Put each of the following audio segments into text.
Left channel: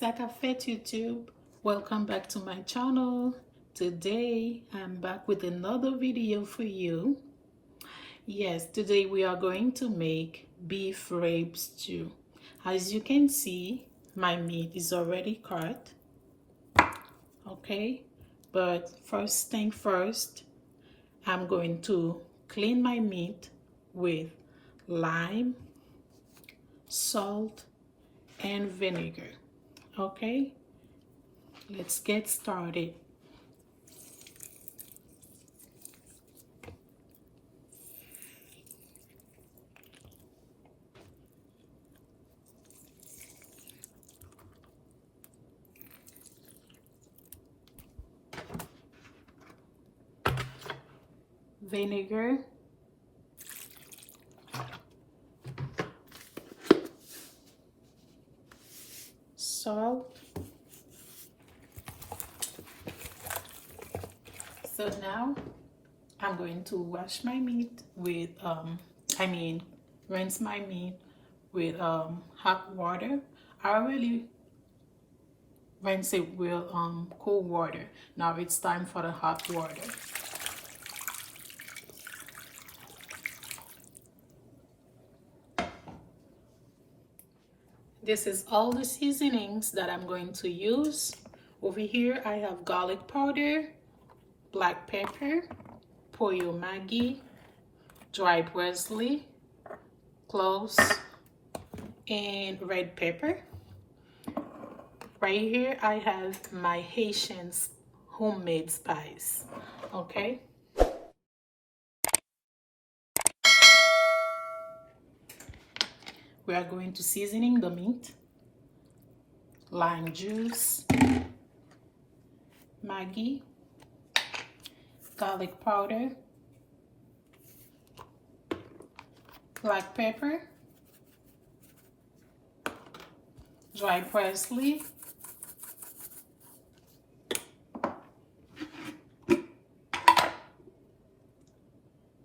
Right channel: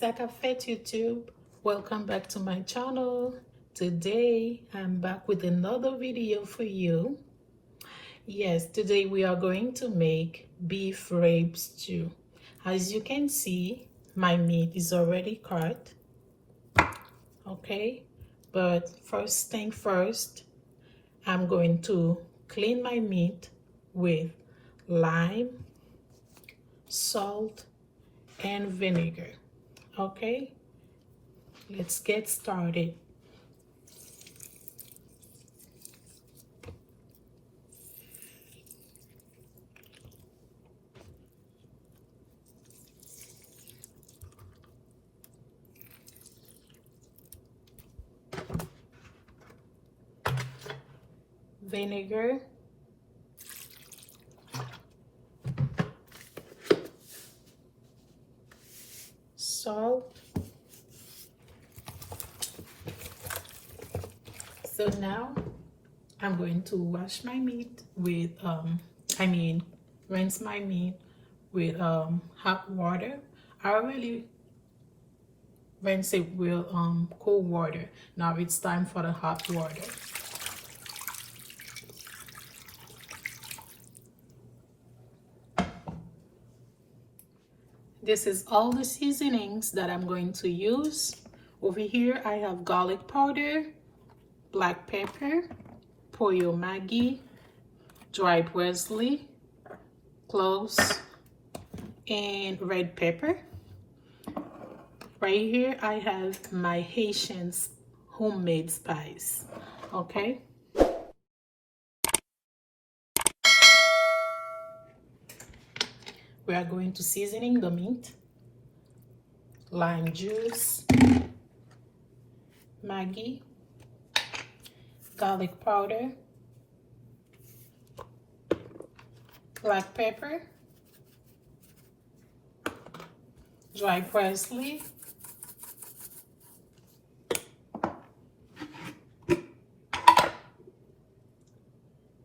Sakafet YouTube, welcome back to my channel. Today I'm back with another video for you. Yes, today we are going to make beef rib stew. As you can see, my meat is already cut. Okay, but first thing first, I'm going to clean my meat with lime, salt, and vinegar. Okay, let's get started. Vinegar, salt. So now I'm going to wash my meat with rinse my meat with hot water. I already rinse it with cold water. Now it's time for the hot water. This is all the seasonings that I'm going to use. Over here I have garlic powder, black pepper, POU Maggi, dry parsley, cloves, and red pepper. Right here I have my Haitian homemade spice. Okay. We are going to seasoning the meat. Lime juice, Maggi, garlic powder, black pepper, dry parsley,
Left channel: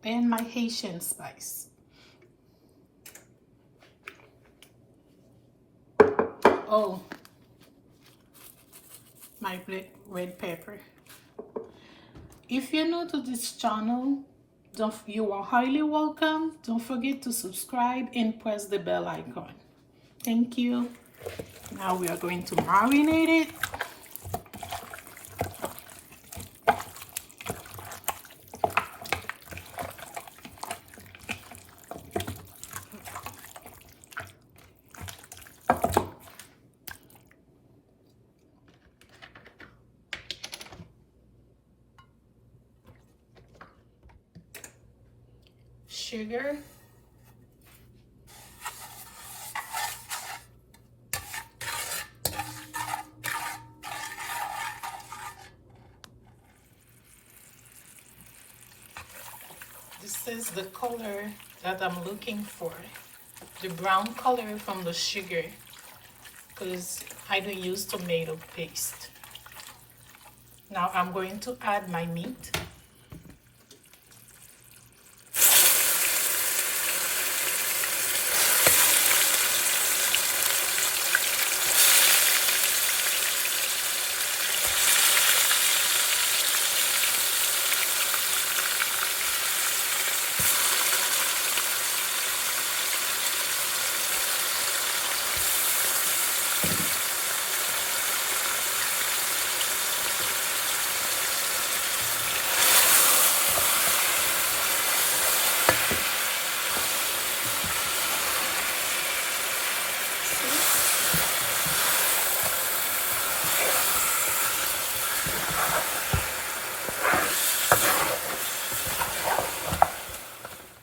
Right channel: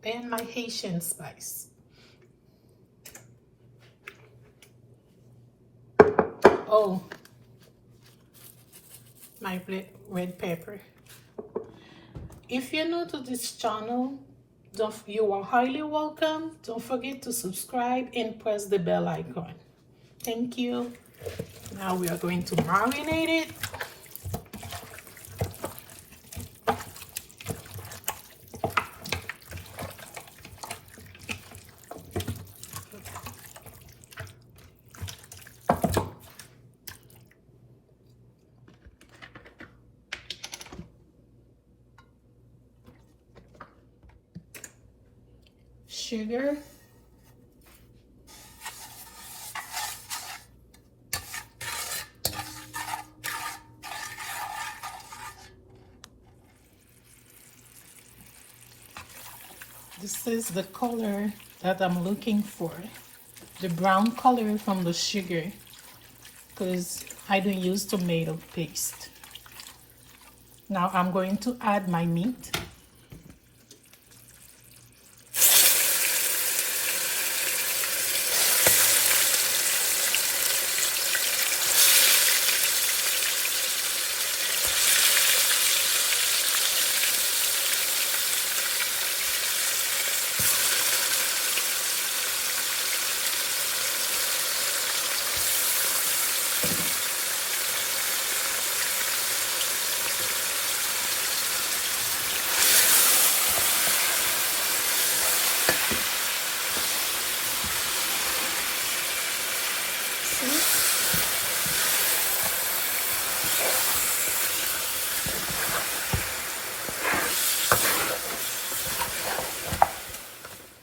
and my Haitian spice. Oh, my red pepper. If you're new to this channel, you are highly welcome. Don't forget to subscribe and press the bell icon. Thank you. Now we are going to marinate it. Sugar, this is the color that I'm looking for, the brown color from the sugar, because I don't use tomato paste. Now I'm going to add my meat.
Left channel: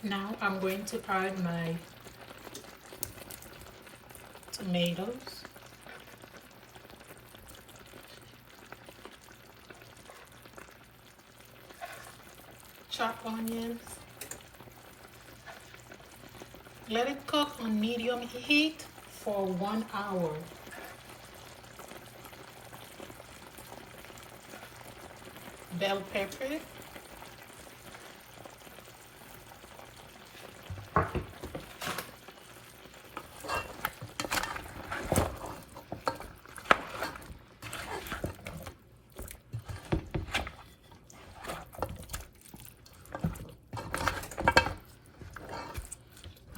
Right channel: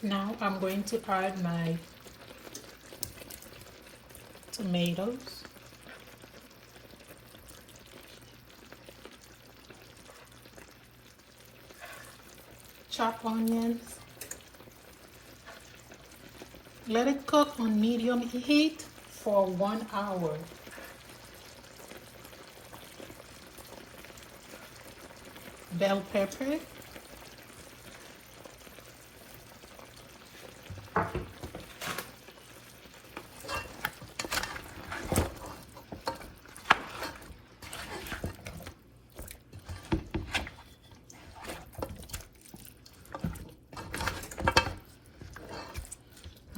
Now I'm going to add my tomatoes, chopped onions. Let it cook on medium heat for 1 hour. Bell pepper,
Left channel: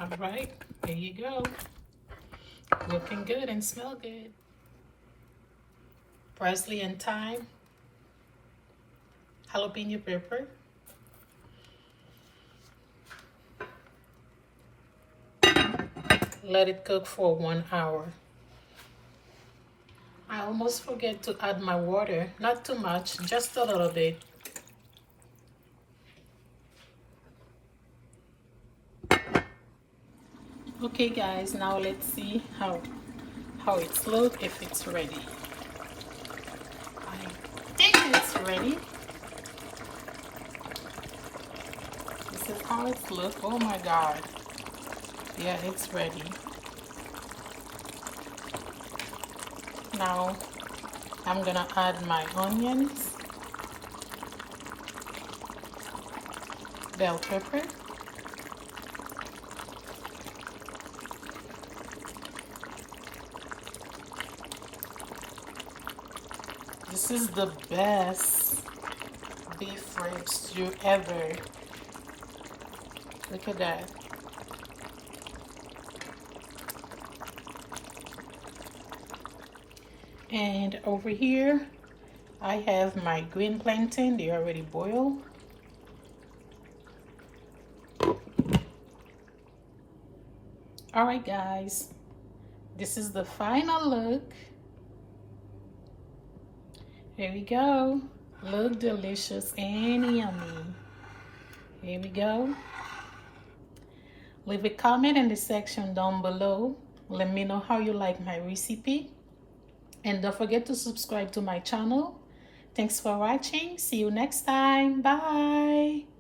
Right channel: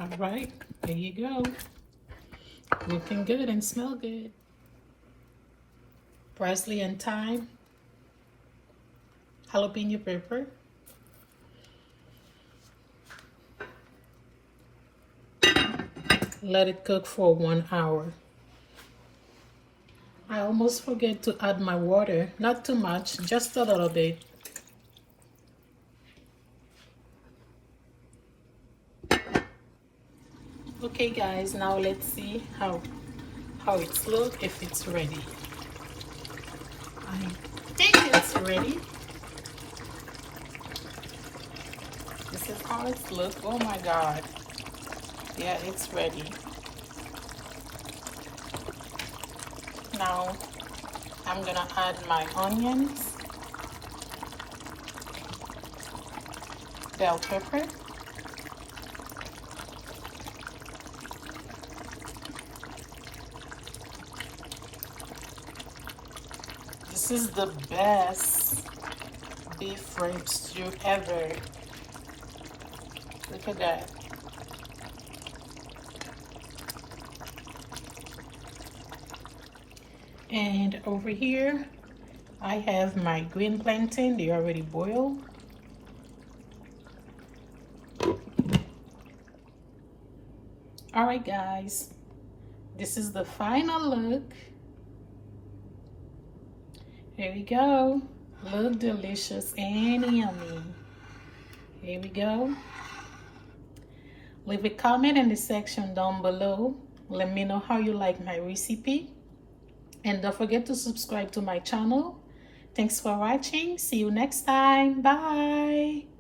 All right, there you go. Looking good and smell good. Parsley and thyme, jalapeno pepper, let it cook for 1 hour. I almost forget to add my water, not too much, just a little bit. Okay guys, now let's see how it's look, if it's ready. I think it's ready. This is how it's look. Oh my god. Yeah, it's ready. Now I'm gonna add my onions, bell pepper, this is the best beef rib stew ever. Look at that. And over here, I have my green plantain. They already boiled. All right, guys. This is the final look. Here we go. Look delicious and yummy. Here we go. Leave a comment in the section down below. Let me know how you like my recipe. And don't forget to subscribe to my channel. Thanks for watching. See you next time. Bye.